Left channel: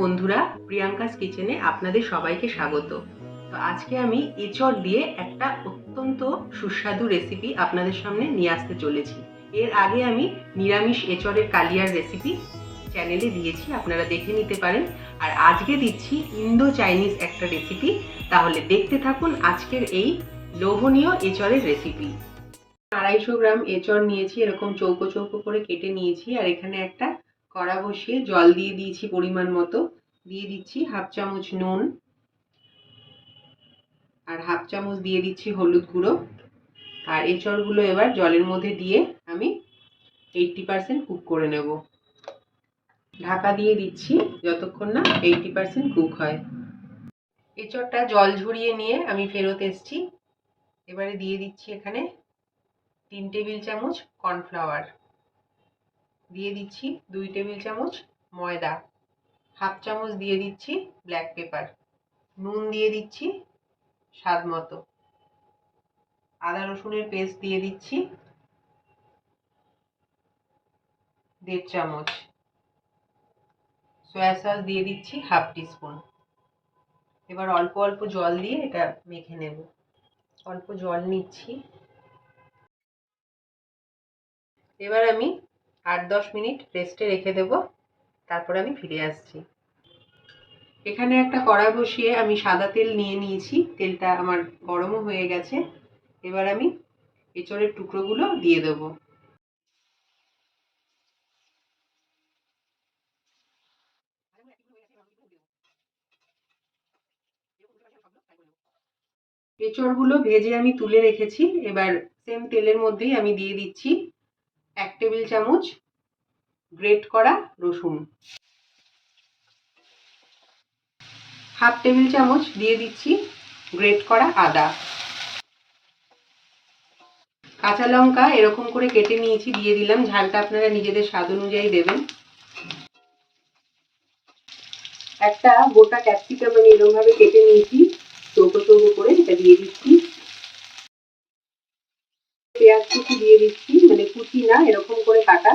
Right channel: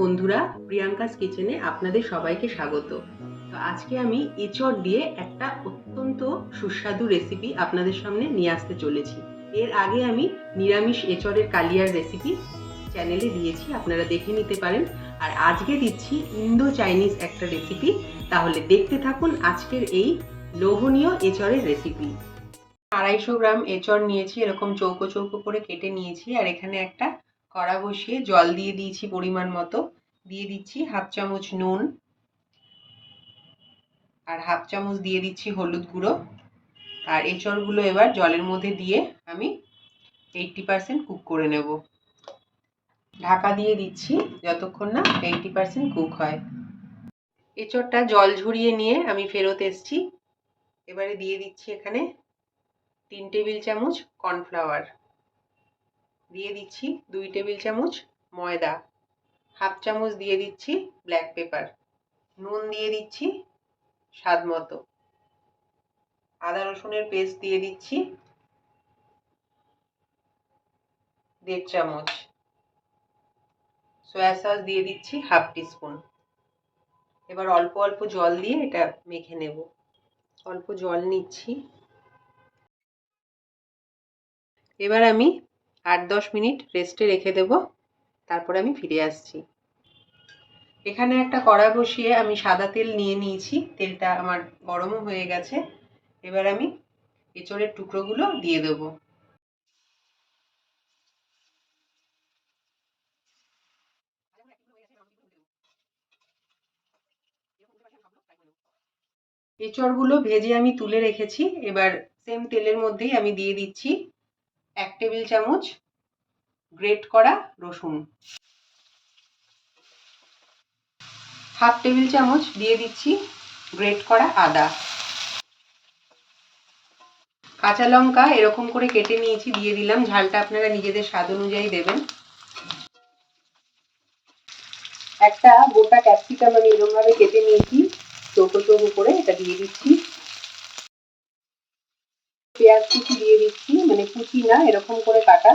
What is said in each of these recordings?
বন্ধুরা, প্রিয়াঙ্কাস কিচেনে আপনাদের সবাইকে স্বাগত। তো আজকে আমি এঁচড় দিয়ে একটা অত্যন্ত সুস্বাদু রেসিপি আপনাদের সামনে নিয়ে আসতে চলেছি। এর আগে আমি নিরামিষ এঁচড়ের কালিয়ার রেসিপি চ্যানেলে দিয়েছি, আপনারা দেখে নিতে পারেন। আর আজকে দিচ্ছি ইন্দো চাইনিজ একটা রেসিপি তাহলে দেখতে থাকুন আজকের এই লোভনীয় এঁচড়ের রেসিপি আড়াইশো গ্রাম এঁচড় নিয়েছি, এরকম চৌকো চৌকো করে কেটে নিয়েছি, আর এখানে একটা কড়া বসিয়ে জল দিয়ে দিয়েছি পরিমাণ মতো। দিয়ে দিচ্ছি হাফ চামচ নুন আর হাফ চামচ দিয়ে দিচ্ছি হলুদ গুঁড়ো। আর এই এঁচড়গুলো এবার জলের মধ্যে দিয়ে আমি এইটটি পারসেন্ট কুক করে নেব। ঢাকা দিয়ে দিচ্ছি যতক্ষণ না এইটটি পারসেন্ট কুক হয়। এঁচড়টা জল ঝরিয়ে নিয়ে আমি ফেরত এসছি। এবারে দিয়ে দিচ্ছি এখানে তিন টেবিল চামচ কর্নফ্লাওয়ার। দিয়ে দিচ্ছি দুই টেবিল চামচ ময়দা, হাফ চামচ দিয়ে দিচ্ছি ব্ল্যাক পেপার নুন দিয়ে দিচ্ছি স্বাদ মতো। আদা রসুনের পেস্ট দিয়ে দিচ্ছি দেড় চামচ। সয়া সস দিয়ে দিচ্ছি হাফ টিস্পুন। এবার অল্প অল্প জল দিয়ে এটা মেখে নেব। অল্প জল নিচ্ছি। এবার আমি আট দশ মিনিট রেস্টে রেখে দেব। তারপরে আমি ফিরে আসছি। এখানে একটা কড়া বসিয়ে আমি সাদা তেল নিয়ে নিয়েছি। তেলটা আমার গরমও হয়ে গেছে। এবার আমি এঁচড়ের টুকরোগুলো দিয়ে দেবো। এঁচড়গুলো ভেজে আমি তুলে রেখেছি। এবার সেম তেলের মধ্যেই আমি দিয়ে দিচ্ছি এক টেবিল চামচ গ্রেট করা রসুন। হাফ টেবিল চামচ দিয়ে দিচ্ছি গ্রেট করা আদা। কাঁচা লঙ্কা এরকম করে কেটে নিয়েছি, দিয়ে দিলাম। ঝালটা আপনারা নিজেদের স্বাদ অনুযায়ী দেবেন। একটা গোটা ক্যাপসিকাম আমি এরকম ভাবে কেটে নিয়েছি চৌকো চৌকো করে এটা দিয়ে দিচ্ছি পেঁয়াজ কুচি দিয়ে দিচ্ছি মানে কুচি না, এরকম করে কাটা।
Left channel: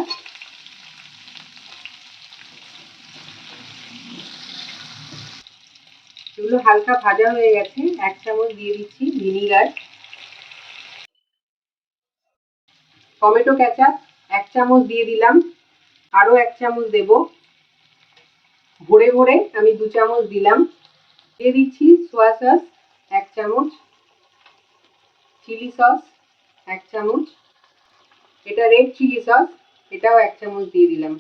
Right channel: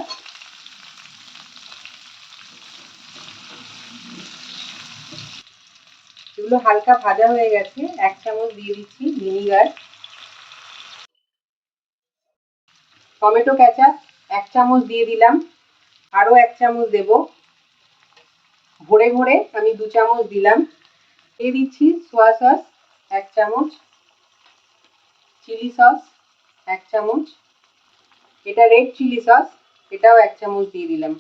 এগুলো হালকা ভাজা হয়ে গেছে। এক চামচ দিয়ে দিচ্ছি ভিনিগার। টমেটো কেচাপ এক চামচ দিয়ে দিলাম। আরও এক চামচ দেব। ভরে ভরে আমি দু চামচ দিলাম। দিয়ে দিচ্ছি সোয়া সস এক চামচ, চিলি সস এক চামচ। এটা রেড চিলি সস এটাও এক চামচ দিয়ে দিলাম।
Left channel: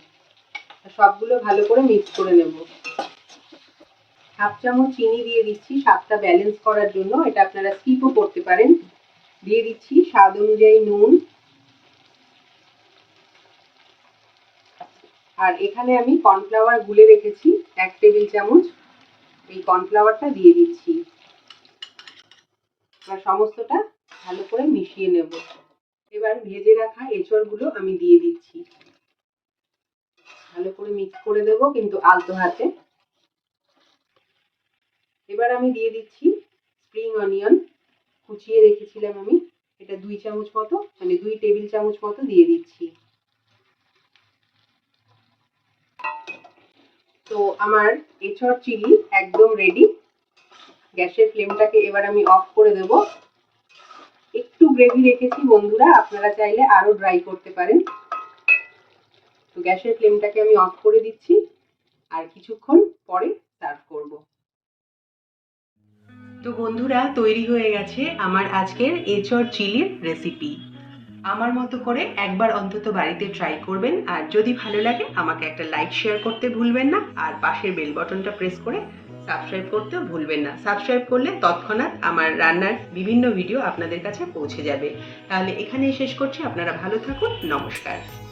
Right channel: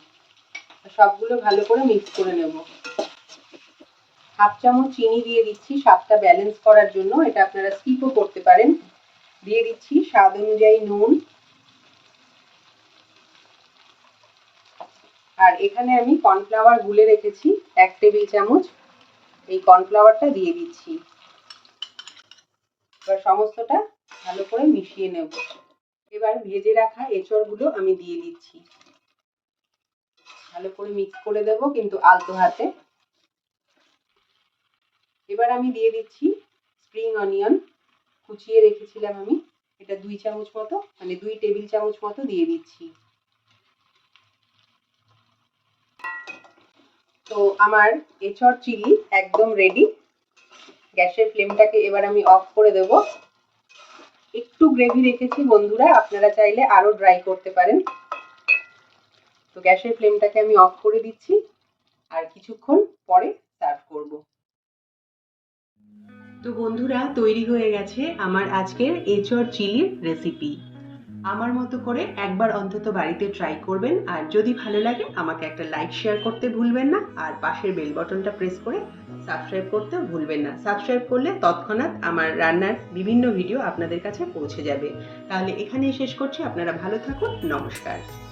সবগুলো ভালো করে মিক্স করে নেব। হাফ চামচ চিনি দিয়ে দিচ্ছি, স্বাদটা ব্যালেন্স করার জন্য। এটা আপনারা স্কিপও করতে পারেন। দিয়ে দিচ্ছি স্বাদ অনুযায়ী নুন। আর এখানে আমি কর্নফ্লাওয়ার গুলে রেখেছি, এক টেবিল চামচ। এই কর্নফ্লাওয়ারটা দিয়ে দিচ্ছি। এবার সমস্তটা ভালো করে মিশিয়ে নেব। এবার ভেজে রাখা এঁচড়গুলো আমি দিয়ে দিচ্ছি। ভালো করে মিক্স করে দেব কিন্তু আলতো হাতে। এবার আমি দিয়ে দিচ্ছি স্প্রিং অনিয়ন কুচিয়ে রেখেছিলাম আমি। এটা দুই চামচ মতো মানে দুই টেবিল চামচ মতো দিয়ে দিচ্ছি। তো আমার এঁচড় চিলি একদম রেডি গ্যাসের ফ্লেমটাকে এবার আমি অফ করে দেব। গ্রেভি রেখেছি, বন্ধুরা। আপনারা চাইলে আরও ড্রাই করতে পারেন। তো গ্যাসের ফ্লেমটাকে আমি অফ করে দিচ্ছি। আর কিছুক্ষণ পরে সার্ভ করব। তো বন্ধুরা, তৈরি হয়ে গেছে আমার আজকের এঁচড় চিলির রেসিপি আমার মতো করে একবার অন্তত বাড়িতে ট্রাই করবেন। আর যদি ভালো লাগে, আমাকে একটা লাইক শেয়ার করতে ভুলবেন না। আর পাশের বেল বটনটা প্রেস করে সাবস্ক্রাইব করতেও ভুলবেন না। সাবস্ক্রাইব করলে তৎক্ষণাৎ আমার রান্নার বিভিন্ন ভিডিও আপনাদের কাছে পৌঁছে যাবে। তাহলে এখানেই শেষ করছি। আপনারা ভালো থাকুন। নমস্কার।